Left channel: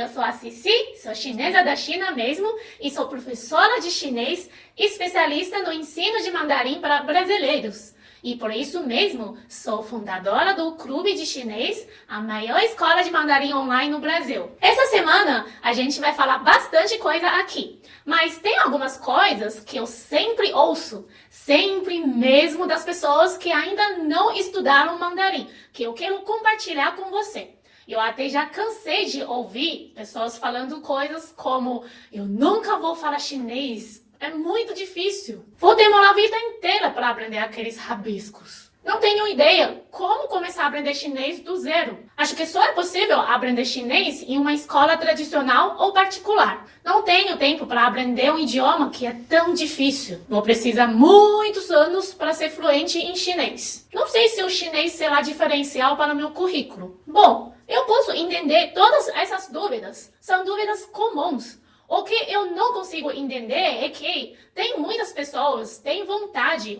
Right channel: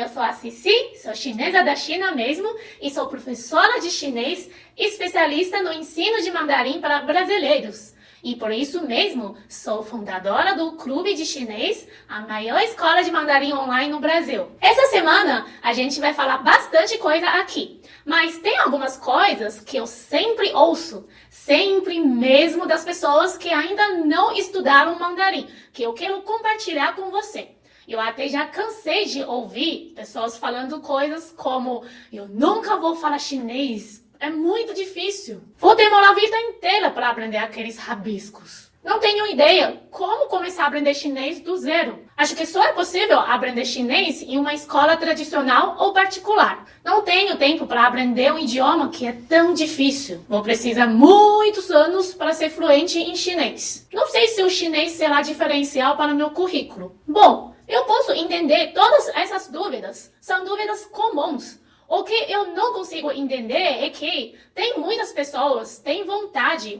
eu sou a Cici, sou chinesa da China mesmo e sou professora de chinês, especialista no ensino de mandarim para brasileiros. E por isso mesmo, sou fundadora do Clube de Chinês, a maior escola de mandarim online no Brasil. Essa semana, a gente vai falar bastante coisa aqui. Mas tem algumas coisas que eu sempre ouço, sempre mesmo das pessoas que ainda não estudaram mandarim, que eu quero compartilhar com você. Eu até já cansei de ouvir pessoas falando coisas como: eu nunca vou falar chinês, é muito difícil. Vou demorar a vida inteira para aprender aqueles rabiscos. Não tenho ideia como começar a aprender chinês do zero. Acho que só é possível aprender chinês em uma escola tradicional ou particular. Não tenho tempo para aprender um idioma que é tão difícil. Vou precisar muitos anos para ser fluente em chinês. Não sei se o chinês será diferencial para o meu currículo. Bom, eu posso entender todas essas dúvidas. São dúvidas comuns. O que eu não consigo entender é que tem muitas pessoas que têm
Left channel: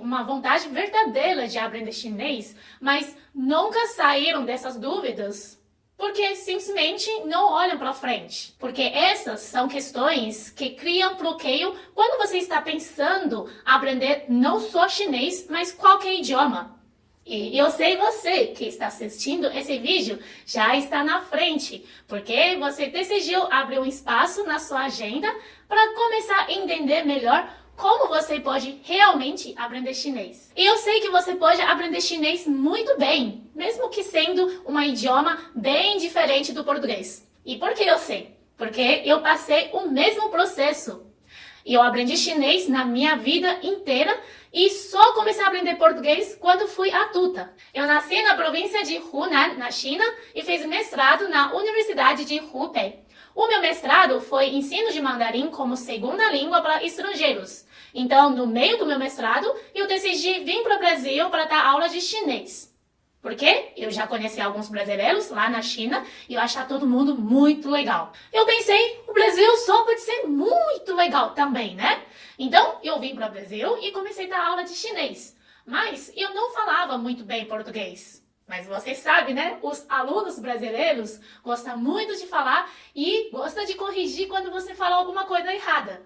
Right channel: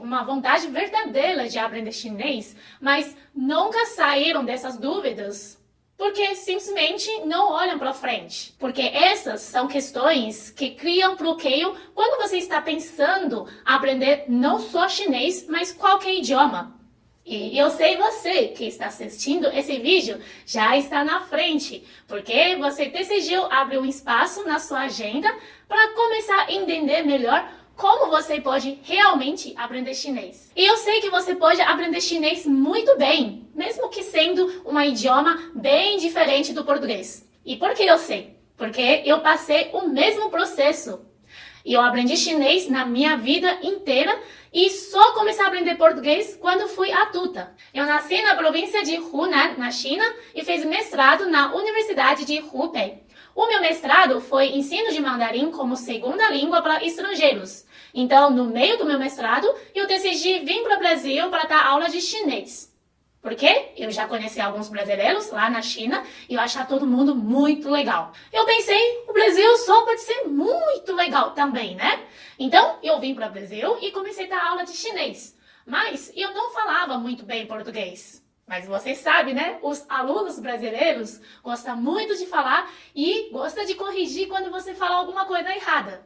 uma vontade verdadeira de aprender chinês, mas nunca saíram dessas dúvidas porque simplesmente não olham para frente. Porque essas são questões que criam bloqueio quando você está pensando em aprender não só chinês, mas qualquer idioma. E eu sei você que está assistindo esse vídeo já está na frente, porque você decidiu abrir um espaço na sua agenda para começar a entender melhor como você pode realmente aprender chinês. E eu sei que você pode aprender chinês muito bem, mesmo que sendo um idioma bem diferente do português. E por que eu sei? Porque eu passei o mesmo processo. E eu aprendi chinês na minha vida inteira e só comecei a aprender português quando fui adulta. Eu nasci na província de Hunan, na China, e fiz mestrado na Universidade de Hubei. O meu mestrado foi ensino de mandarim como segunda língua para estrangeiros. Então, no meio do meu mestrado, eu decidi vir para o Brasil para dar aula de chinês. Porque eu já conheci alguns brasileiros lá na China e eu achava todo mundo muito legal. Eu pensei, o Brasil só pode ser muito legal também, né? Então, eu vim para o Brasil e comecei a dar aula de chinês. Mas eu não falava muito bem português. Mas você sabe, né? Os alunos brasileiros gostam muito de falar e gostam de corrigir quando você fala alguma coisa errada.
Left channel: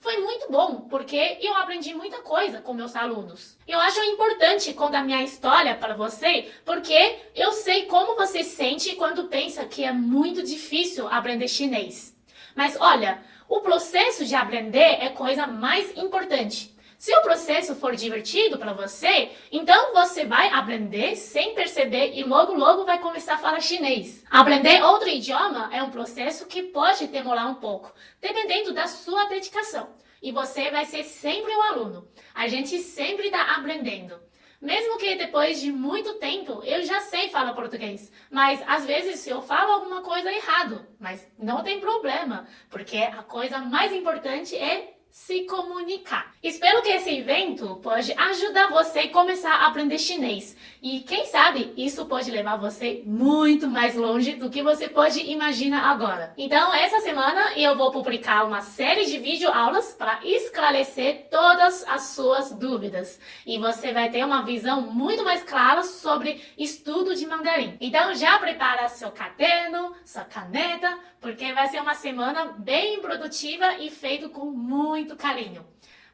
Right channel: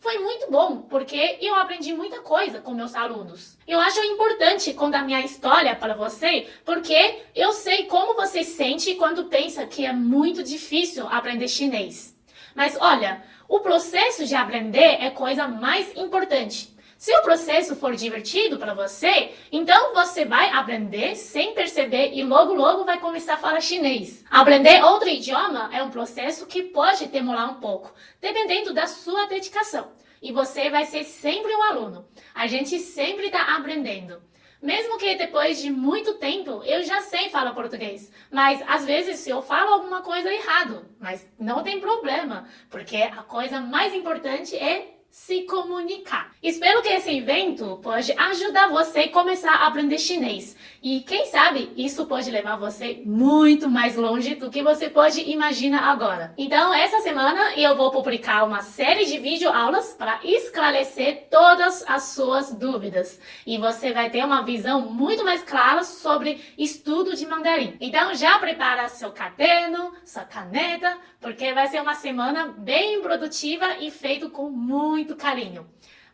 Foi muito bom, porque eu aprendi muita coisa com meus alunos. Eu acho importante contar minha história para você, porque eu sei como você sente quando pensa que é muito difícil aprender chinês. Mas olha, o processo de aprender é a coisa mais importante. Se o processo for divertido para você, então você vai aprender sem perceber e logo vai começar a falar chinês. Aprender outro idioma é um processo que pode demorar um pouco, dependendo da sua dedicação. E você vai ser sempre um aluno. A gente sempre está aprendendo. Mesmo que depois de muito tempo eu já sei falar português, mas às vezes eu falo alguma coisa errado, mas não tem problema, porque a coisa mais importante é se comunicar. Espero que esse evento pode ajudar você a começar a aprender chinês. E quem sabe isso pode levar você muito mais longe do que você pode imaginar agora. Então, essa semana eu vou publicar uma série de videoaulas para esclarecer todas as suas dúvidas. E você vai ter uma visão muito mais clara sobre estudo de mandarim. Então, já prepara seu caderno, sua caneta, porque vai ser uma semana bem produtiva e feito com muito carinho.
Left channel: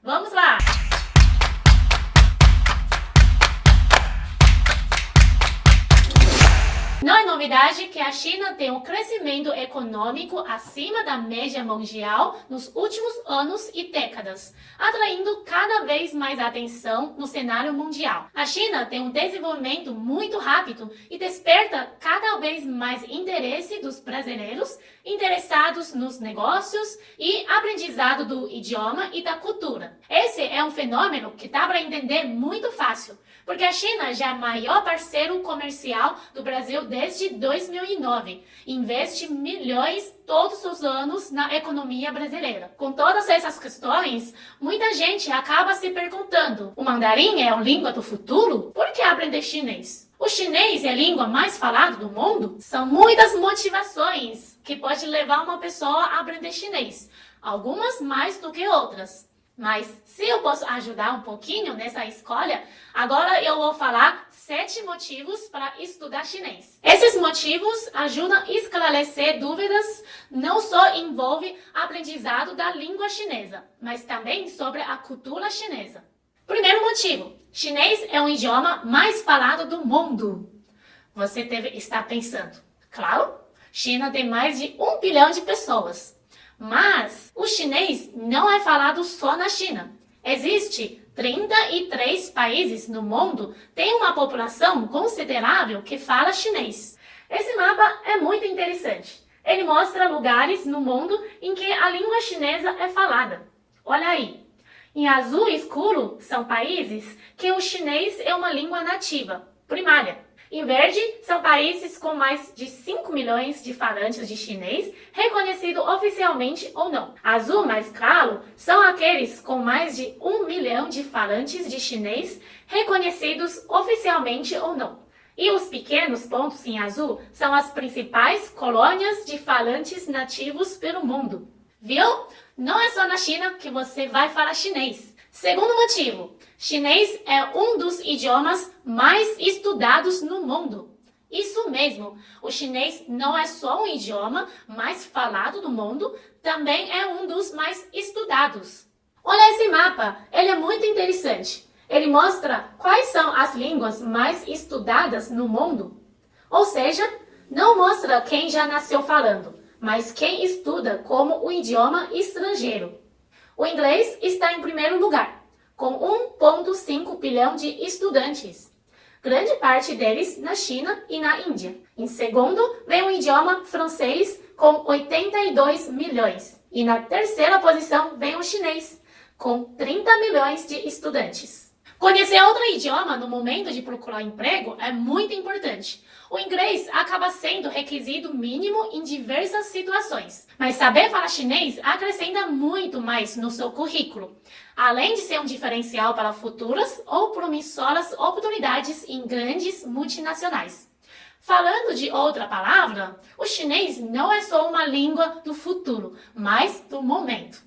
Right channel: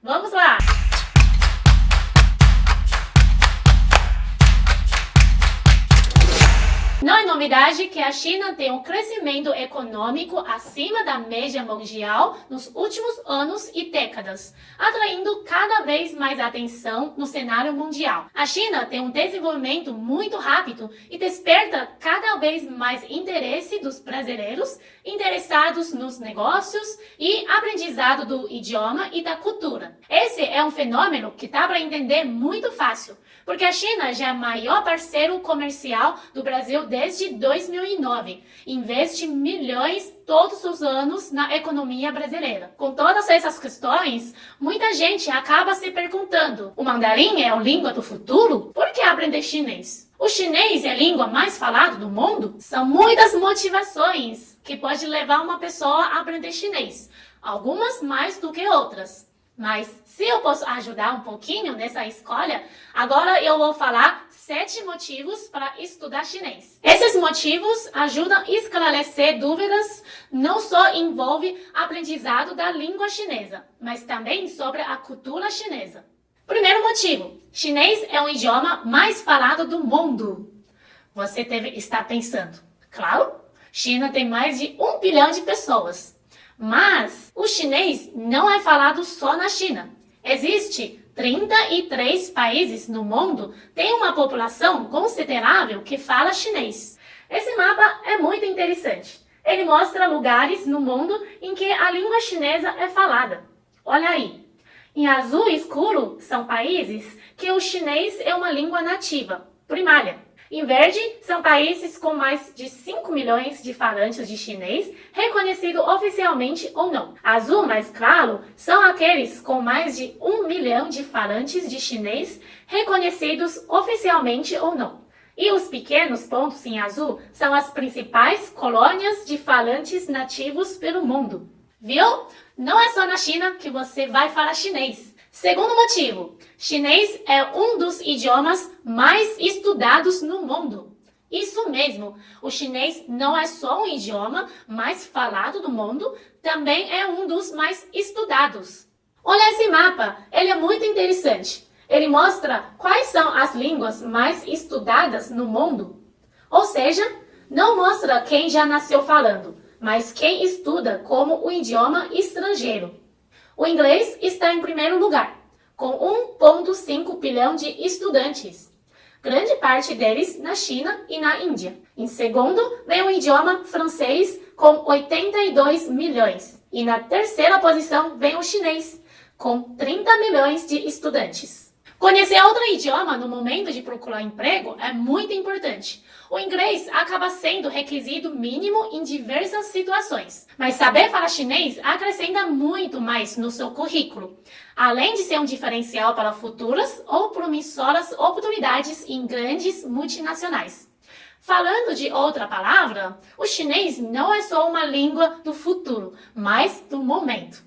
Vamos lá! Não é novidade que a China tem um crescimento econômico acima da média mundial nos últimos anos e décadas, atraindo cada vez mais atenção no cenário mundial. A China tem um desenvolvimento muito rápido e desperta cada vez mais interesse dos brasileiros interessados nos negócios e aprendizado do idioma e da cultura. Esse é um fenômeno que dá para entender muito fácil, porque a China já é o maior parceiro comercial do Brasil desde 2009. Investe milhões todos os anos na economia brasileira. Com todas essas questões, muita gente acaba se perguntando: o mandarim é a língua do futuro? Por que aprender chinês? O chinês é a língua mais falada do mundo? São muitas motivações que podem levar uma pessoa a aprender chinês, algumas mais do que outras. Mas se eu posso ajudar um pouquinho nessa escolha, agora eu vou falar 7 motivos para estudar chinês. Esses motivos ajudam a esclarecer dúvidas, não só envolve aprendizado da língua chinesa, mas também sobre a cultura chinesa. Primeiro motivo, chinês é o idioma mais falado do mundo. Você deve estar pensando, claro, China tem mais de 1 bilhão de pessoas. Mas o chinês não é falado só na China. Existem 33 países no mundo que têm uma população considerável que fala chinês. Esse mapa é muito interessante. Ele mostra lugares no mundo em que a língua chinesa é falada. Olha aí. Em azul escuro são países que o chinês é uma língua nativa, primária. Em verde, são países com mais de 5 milhões de falantes de chinês, reconhecido oficialmente ou não. Azul mais claro são aqueles com mais de 1 milhão de falantes de chinês, reconhecidos oficialmente ou não. E os pequenos pontos em azul são as principais colônias de falantes nativos pelo mundo. Viu? Não é só na China que você vai falar chinês. Segundo motivo, chinês é um dos idiomas mais estudados no mundo. Isso mesmo, o chinês não é só um idioma mais falado do mundo, também é um dos mais estudados. Olha esse mapa, ele é muito interessante. Ele mostra quais são as línguas mais estudadas no mundo. Ou seja, não mostra quem já nasceu falando, mas quem estuda como um idioma estrangeiro. O inglês está em primeiro lugar, com 1,5 bilhão de estudantes. Grande parte deles na China e na Índia. Em segundo, vem o idioma francês, com 82 milhões. E na terceira posição vem o chinês, com 30 milhões de estudantes. Conhecer outro idioma no momento de procurar emprego é muito importante. O inglês acaba sendo requisito mínimo em diversas situações, mas saber falar chinês acrescenta muito mais no seu currículo, além de ser um diferencial para futuras ou promissoras oportunidades em grandes multinacionais. Falando de outra palavra, o chinês não é só uma língua do futuro, mas do momento.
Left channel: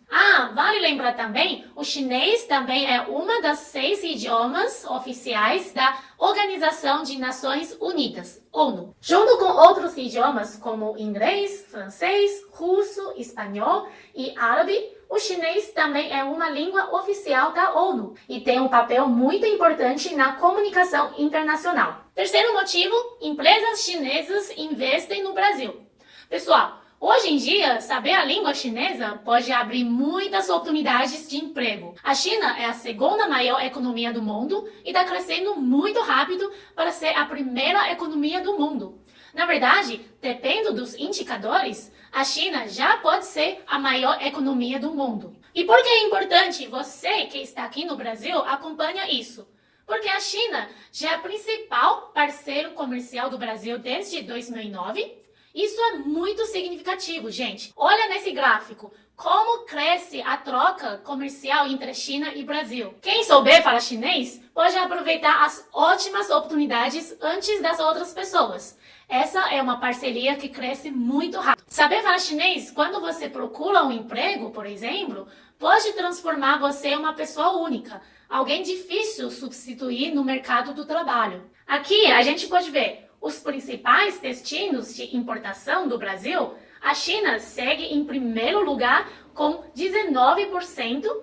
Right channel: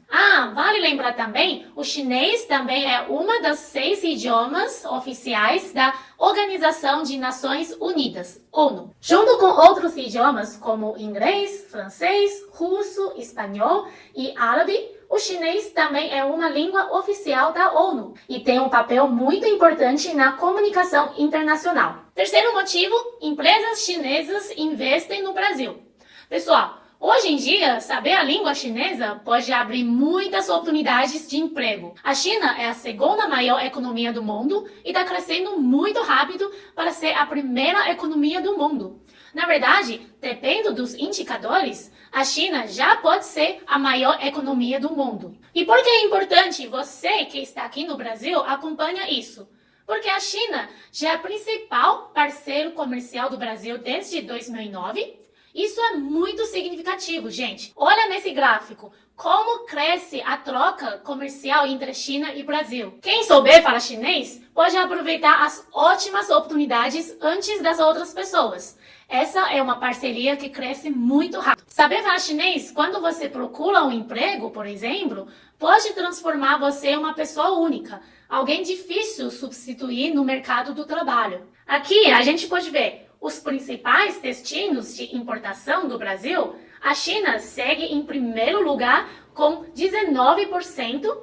Vale lembrar também, o chinês também é uma das 6 idiomas oficiais da Organização de Nações Unidas, ONU. Junto com outros idiomas como inglês, francês, russo, espanhol e árabe, o chinês também é uma língua oficial da ONU e tem um papel muito importante na comunicação internacional. Terceiro motivo, empresas chinesas investem no Brasil. Pessoal, hoje em dia, saber a língua chinesa pode abrir muitas oportunidades de emprego. A China é a segunda maior economia do mundo e está crescendo muito rápido para ser a primeira economia do mundo. Na verdade, dependendo dos indicadores, a China já pode ser a maior economia do mundo. E por que é importante você que está aqui no Brasil acompanhar isso? Porque a China já é o principal parceiro comercial do Brasil desde 2009. Isso é muito significativo, gente. Olha nesse gráfico como cresce a troca comercial entre China e Brasil. Quem souber falar chinês pode aproveitar as ótimas oportunidades antes das outras pessoas. Essa é uma parceria que cresce muito rápido. Saber falar chinês, quando você procura um emprego, por exemplo, pode transformar você em uma pessoa única, alguém difícil substituir no mercado do trabalho. Aqui a gente pode ver os principais destinos de importação do Brasil. A China segue em primeiro lugar com 19%,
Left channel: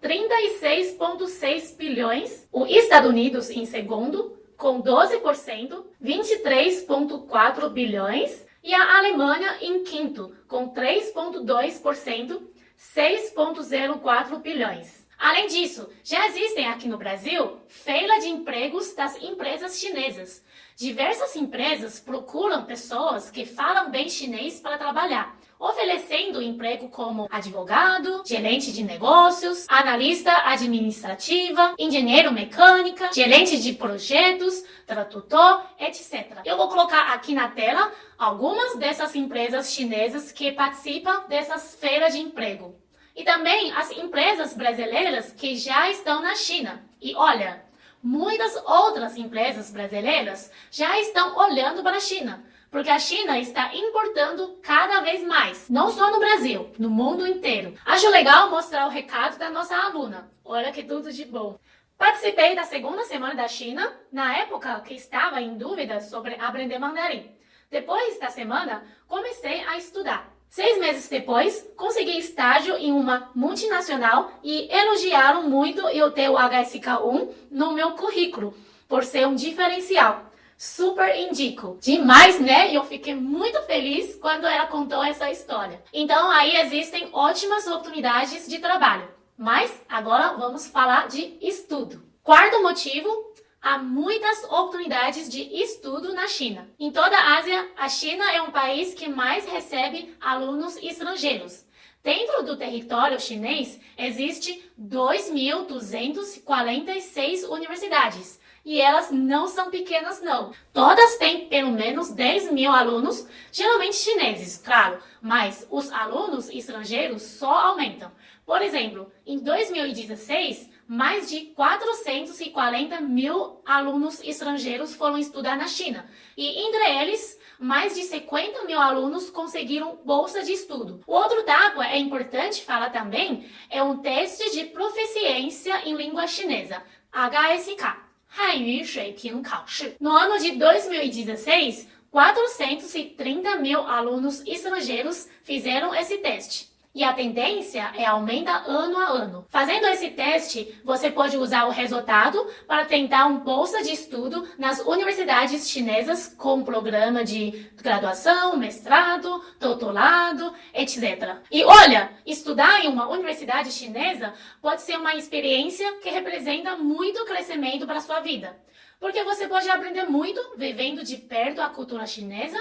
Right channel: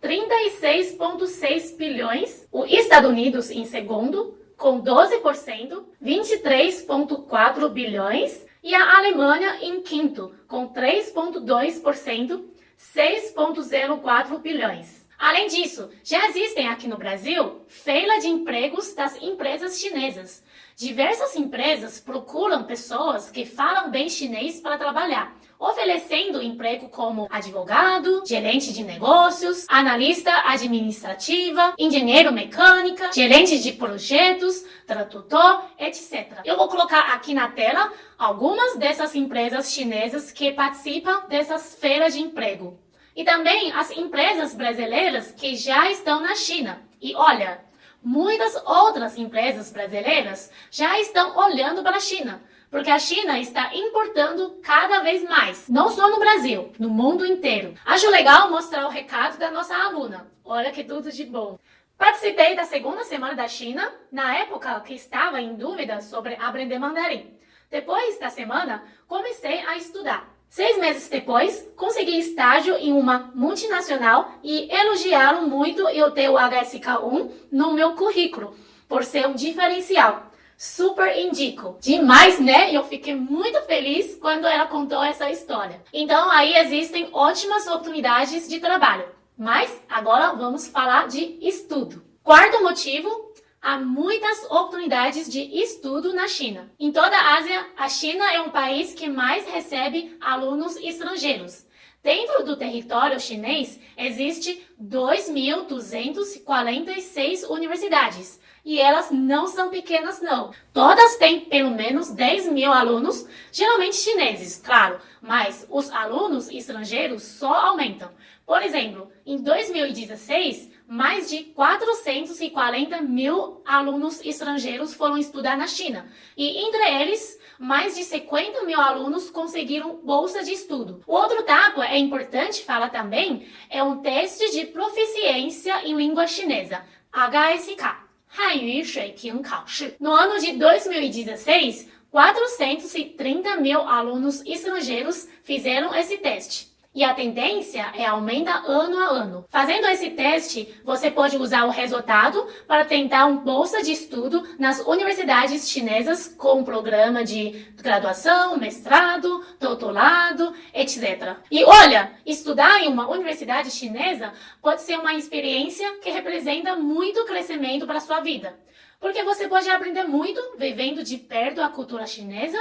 36,6 bilhões. Os Estados Unidos em segundo, com 12%, 23,4 bilhões. E a Alemanha em quinto, com 3,2%, 6,04 bilhões. Além disso, já existem aqui no Brasil feira de empregos das empresas chinesas. Diversas empresas procuram pessoas que falam bem chinês para trabalhar, oferecendo emprego como advogado, gerente de negócios, analista administrativa, engenheiro mecânica, gerente de projetos, tradutor, etc. Eu vou colocar aqui na tela algumas dessas empresas chinesas que participam dessas feiras de emprego. E também as empresas brasileiras que já estão na China. E olha, muitas outras empresas brasileiras já estão olhando para a China, porque a China está importando cada vez mais, não só no Brasil, no mundo inteiro. Acho legal mostrar o recado da nossa aluna. Olha que tudo de bom. Participei da segunda semana da China, na época que estava em dúvida sobre aprender mandarim. Depois da semana, comecei a estudar. 6 meses depois, consegui estágio em uma multinacional e elogiaram muito eu ter o HSK1 no meu currículo, por ser um diferencial. Super indico. Demais, né? E eu fiquei muito feliz quando ela contou essa história. Então, aí existem ótimas oportunidades de trabalho. Mas agora vamos falar de estudo. Quarto motivo, há muitas oportunidades de estudo na China. Em toda a Ásia, a China é um país que mais recebe alunos estrangeiros. Dentro do território chinês, existe 2.246 universidades. E elas não são pequenas, não. Todas têm pelo menos 10 mil alunos, geralmente chineses, claro. Mas os alunos estrangeiros só aumentam. Por exemplo, em 2016, mais de 440 mil alunos estrangeiros foram estudar na China. E entre eles, mais de 50 mil alunos conseguiram bolsa de estudo. O outro dado é importante falar também, é um teste de proficiência em língua chinesa, HSK. 汉语水平考试. No ano de 2016, 430 mil alunos estrangeiros fizeram esse teste. E a tendência é aumentar ano a ano. Fazendo esse teste, você pode usar o resultado para tentar uma bolsa de estudo nas universidades chinesas com um programa de graduação, mestrado, doutorado, etc. E olha, estudar em uma universidade chinesa pode ser uma experiência que representa muito crescimento para a sua vida. Porque você pode aprender muito vivendo de perto a cultura chinesa.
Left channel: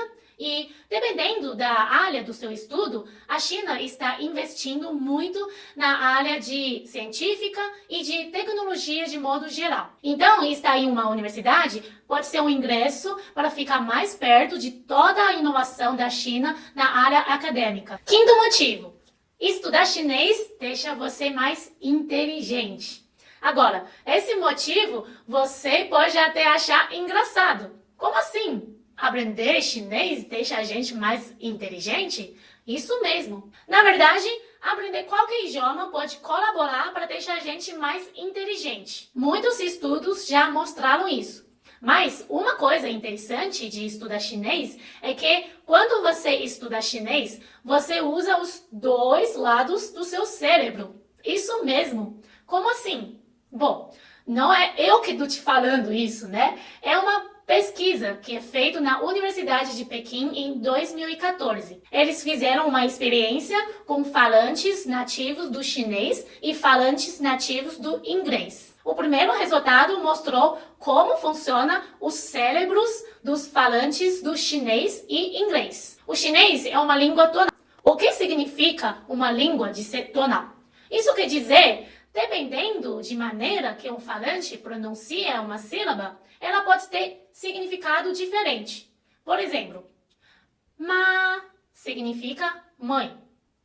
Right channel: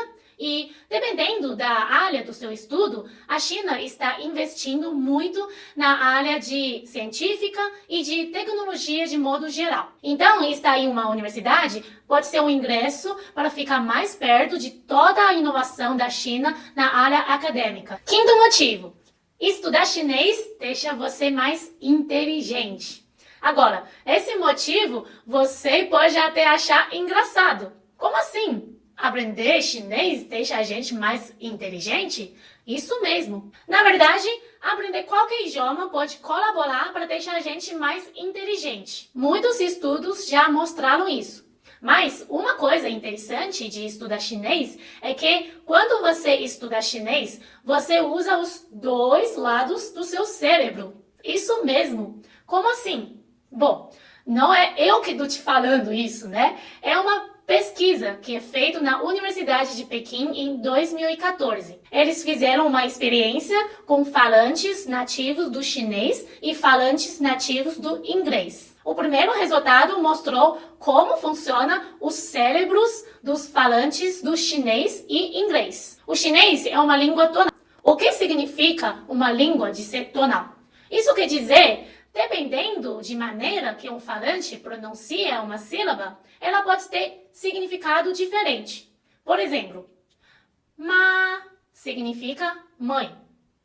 E, dependendo da área do seu estudo, a China está investindo muito na área de científica e de tecnologia de modo geral. Então, estar em uma universidade pode ser um ingresso para ficar mais perto de toda a inovação da China na área acadêmica. Quinto motivo, estudar chinês deixa você mais inteligente. Agora, esse motivo você pode até achar engraçado. Como assim? Aprender chinês deixa a gente mais inteligente? Isso mesmo. Na verdade, aprender qualquer idioma pode colaborar para deixar a gente mais inteligente. Muitos estudos já mostraram isso. Mas uma coisa interessante de estudar chinês é que quando você estuda chinês, você usa os dois lados do seu cérebro. Isso mesmo. Como assim? Bom, não é eu que estou te falando isso, né? É uma pesquisa que é feita na Universidade de Pequim em 2014. Eles fizeram uma experiência com falantes nativos do chinês e falantes nativos do inglês. O primeiro resultado mostrou como funciona os cérebros dos falantes do chinês e inglês. O chinês é uma língua tonal. O que significa uma língua de ser tonal? Isso quer dizer, dependendo de maneira que um falante pronuncia uma sílaba, ela pode ter significado diferente. Por exemplo, ma significa mãe,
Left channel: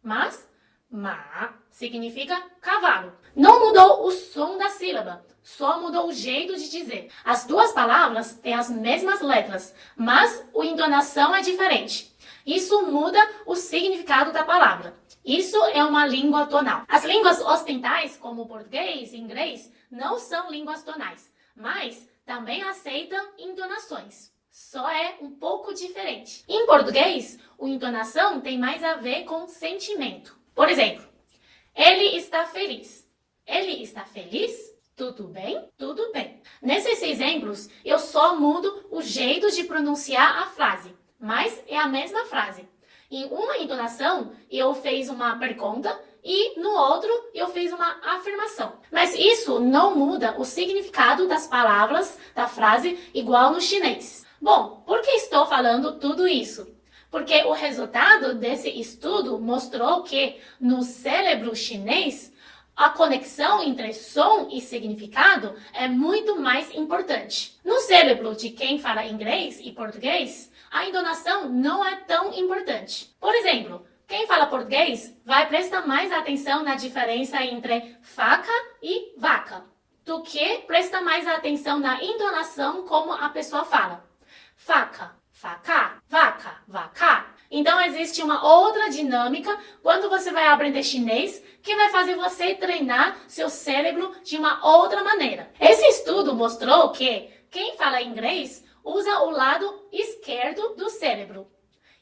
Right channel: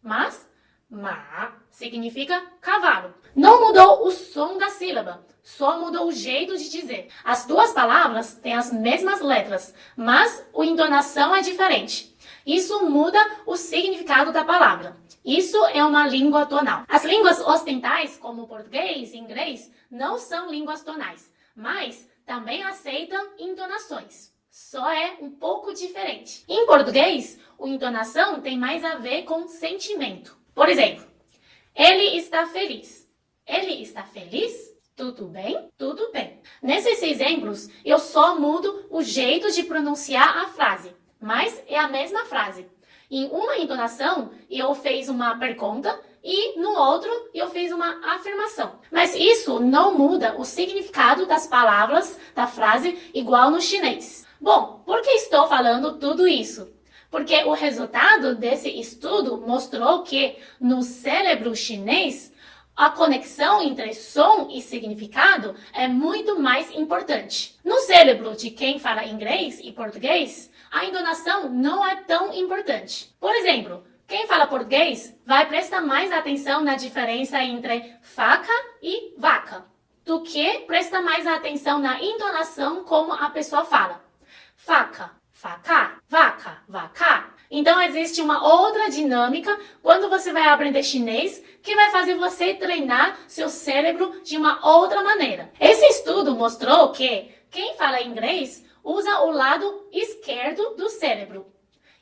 mas ma significa cavalo. Não mudou o som da sílaba, só mudou o jeito de dizer. As duas palavras têm as mesmas letras, mas a entonação é diferente. Isso muda o significado da palavra. Isso é uma língua tonal. As línguas ocidentais, como o português e inglês, não são línguas tonais, mas também aceitam entonações. Só é um pouco diferente. Em português, a entonação tem mais a ver com sentimento. Por exemplo, ele está feliz. Ele está feliz? Tudo bem? Tudo bem. Nesses exemplos, eu só mudo o jeito de pronunciar a frase, mas é a mesma frase. Em uma entonação, eu fiz uma pergunta e no outro, eu fiz uma afirmação. Mas isso não muda o significado das palavras da frase igual no chinês. Bom, por que estou falando tudo isso? Porque o resultado desse estudo mostrou que no cérebro chinês, a conexão entre som e significado é muito mais importante. No cérebro de quem fala inglês e português, a entonação não é tão importante. Por exemplo, quem fala português vai prestar mais atenção na diferença entre faca e vaca, do que presta mais atenção na entonação como a pessoa fala. Faca, vaca, vaca, vaca. Então existe uma outra dinâmica quando você vai aprender chinês que vai fazer você treinar seu cérebro de uma outra maneira. Esse estudo mostrou que quem fala inglês usa o lado esquerdo do cérebro.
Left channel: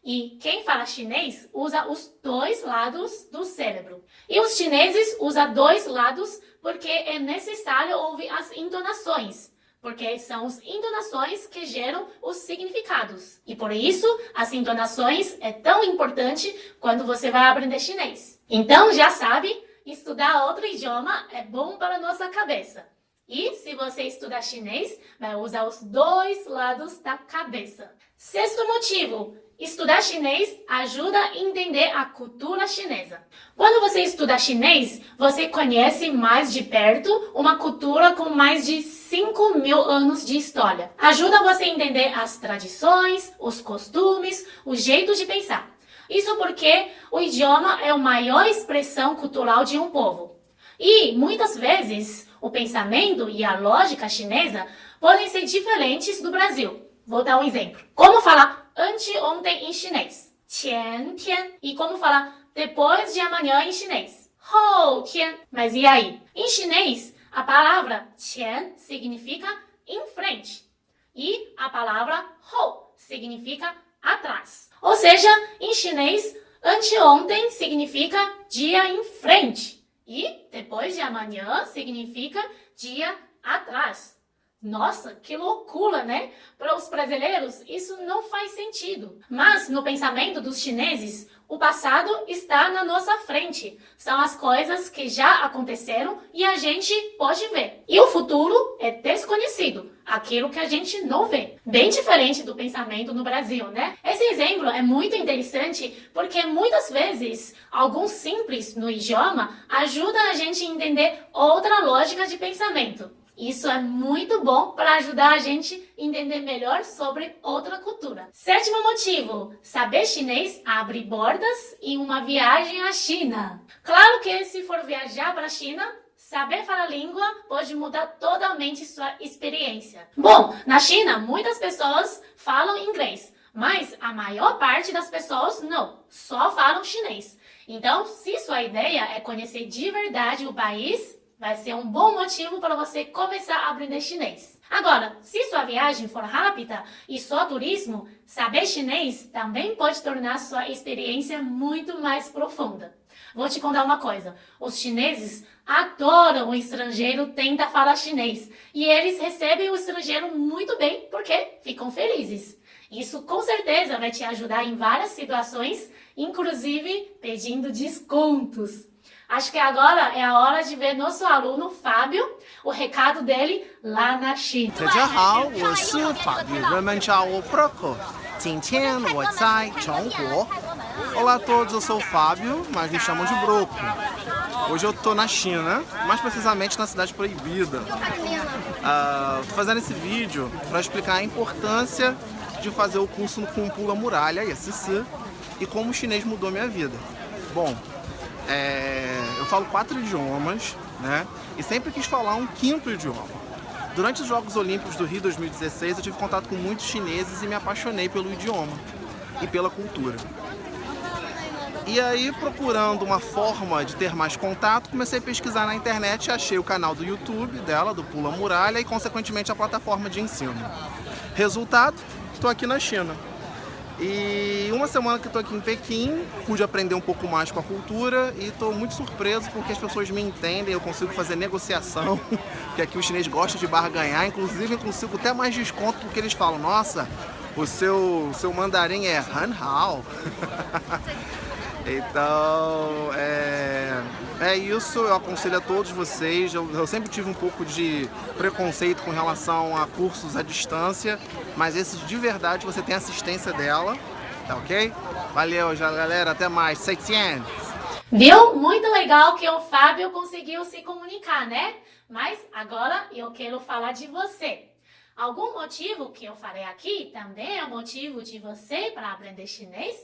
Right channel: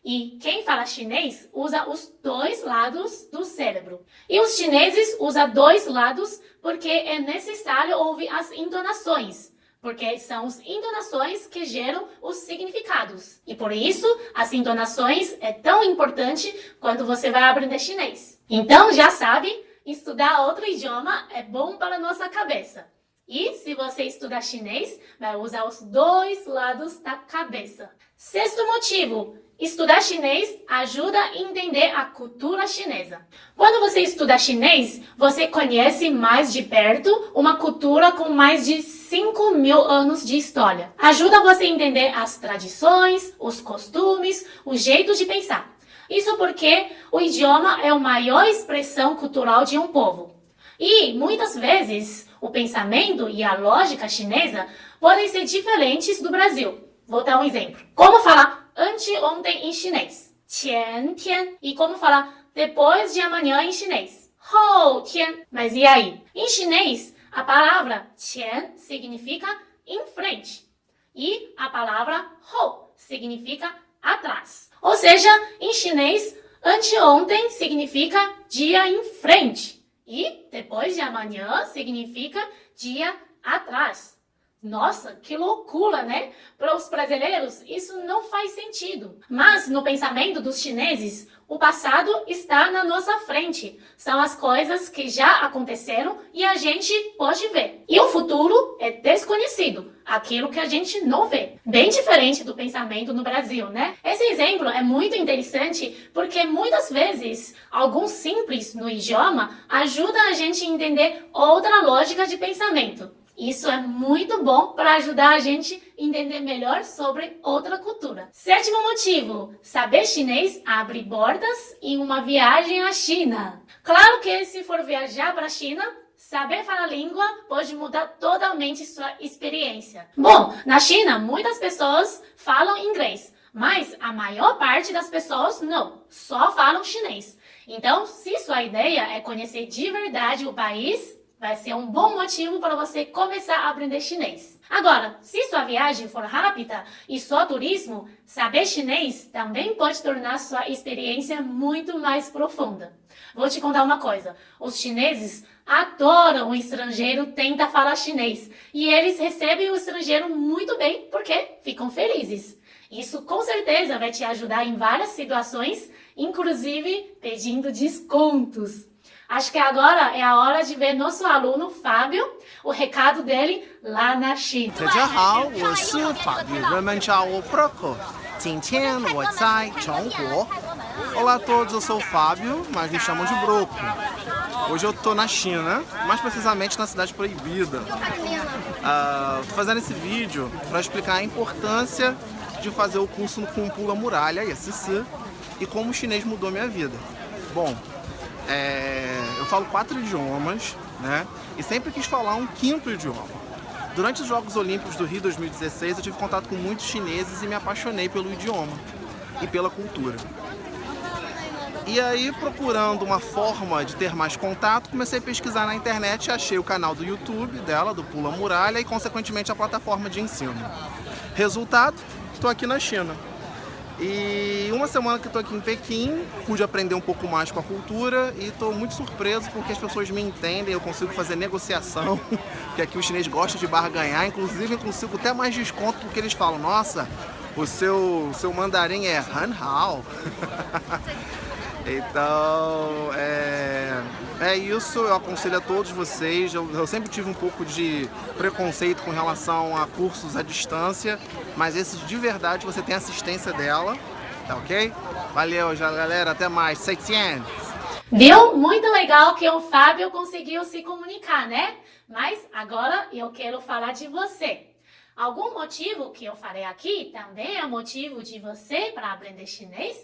E quem fala chinês usa os dois lados do cérebro. E os chineses usam dois lados porque é necessário ouvir as entonações. Porque são as entonações que geram os significados. E por isso, as entonações é tão importante quando você vai aprender chinês. Então, já sabe, estudar outro idioma é bom para a nossa cabeça. E se você estudar chinês, vai usar os dois lados da cabeça. Sexto motivo. Estudar chinês ajuda a entender a cultura chinesa. Quando você estuda chinês, você conhece mais de perto uma cultura com mais de 5.000 anos de história. Ajuda você a entender as tradições, os costumes, o jeito de pensar. Isso porque o idioma é a maior expressão cultural de um povo. E, muitas vezes, o pensamento e a lógica chinesa podem ser diferentes do Brasil. Vou dar um exemplo. Como falar anteontem em chinês? 前天. E como falar depois de amanhã em chinês? 后天. Mas e aí? Em chinês, a palavra 前 significa em frente. E a palavra 后 significa atrás. Ou seja, em chinês, anteontem significa dia em frente. E depois de amanhã significa dia atrás. Nossa, que loucura, né? Para os brasileiros, isso não faz sentido. Mas no pensamento dos chineses, o passado está na nossa frente. São as coisas que já aconteceram e a gente pode ver. E o futuro é desconhecido, aquilo que a gente não vê. Bem diferente do pensamento no Brasil, né? Esse exemplo é muito interessante porque muitas vezes algo simples no idioma ajuda a gente a entender outra lógica de pensamento. Isso é muito bom para ajudar a gente a entender melhor sobre outra cultura. Sétimo motivo, saber chinês abre portas em uma viagem à China. Claro que se for viajar para a China, saber falar a língua pode mudar totalmente sua experiência. Bom, na China, muitas pessoas falam inglês, mas a maior parte das pessoas não, só falam chinês. Então, se sua ideia é conhecer de verdade o país, vai ser um bom motivo para você começar a aprender chinês. Agora, se sua viagem for rápida e só turismo, saber chinês também pode tornar sua experiência muito mais profunda. Vou te contar uma coisa. Os chineses adoram o estrangeiro tenta falar chinês. E eles recebem o estrangeiro muito bem porque ficam felizes. Isso com certeza vai te ajudar em várias situações, inclusive pedindo descontos. Acho que agora é a hora de ver nosso aluno Fábio, o recado dele lá na China. 大家好，我是法语，人们叫我 Proco。今天我在中国。Olá a todos, eu sou o Fábio, mas me chamam de Broco. Hoje eu tô na China, mais precisamente na Cidade Proibida. Tô fazendo esse vídeo para explicar a importância de fazer o curso com Pula Muralha, ISC, e como o chinês mudou minha vida. Bom, eu falo 4 idiomas, né? E sempre quis falar um 5º idioma. Durante os Jogos Olímpicos do Rio 2016, eu tive contato com muitos chineses e me apaixonei pelo idioma e pela cultura. E aí, procurando uma forma de ter mais contato, comecei a pesquisar na internet e achei o canal do YouTube dela, do Pula Muralha, e consequentemente a plataforma de ensino. Resultado, estou aqui na China. E uma semana que estou aqui em Pequim, pude aprender um pouco mais com a cultura e estou muito surpreso porque as pessoas me entendem, eu consigo fazer negociação, que aqui o chinês gosta de barganhar, inclusive eu consigo até mais desconto porque eles falam, nossa, o seu mandarim é Han Hao. Então, é isso, eu aconselho a todos vocês, eu sempre tive um pouco de preconceito com relação a cursos à distância, mas esses de verdade você tem assistência dela, tá ok? Valeu, galera, até mais, 600! Viu? Muito legal que o Fábio conseguiu se comunicar, né? Mas agora eu quero falar de você. Algum motivo que eu falei aqui também é motivo de você para aprender chinês?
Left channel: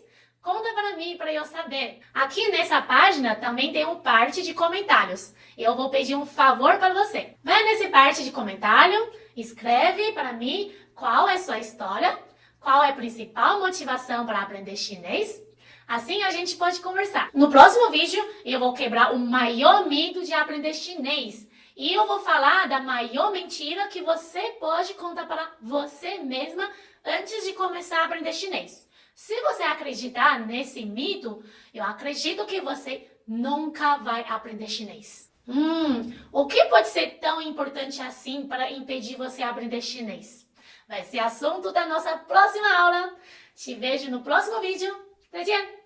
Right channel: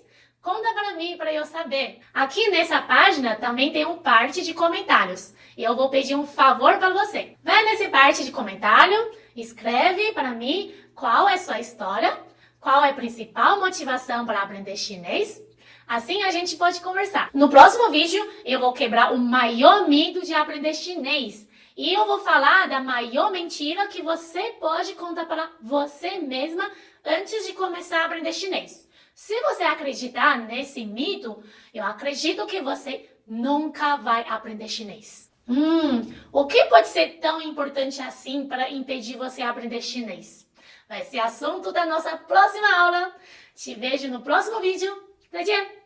Conta para mim, para eu saber. Aqui nessa página também tem um parte de comentários. E eu vou pedir um favor para você. Vai nesse parte de comentário, escreve para mim qual é sua história, Qual é a principal motivação para aprender chinês? Assim a gente pode conversar. No próximo vídeo, eu vou quebrar o maior mito de aprender chinês. E eu vou falar da maior mentira que você pode contar para você mesma antes de começar a aprender chinês. Se você acreditar nesse mito, eu acredito que você nunca vai aprender chinês. O que pode ser tão importante assim para impedir você aprender chinês? Vai ser assunto da nossa próxima aula. Te vejo no próximo vídeo. 再见。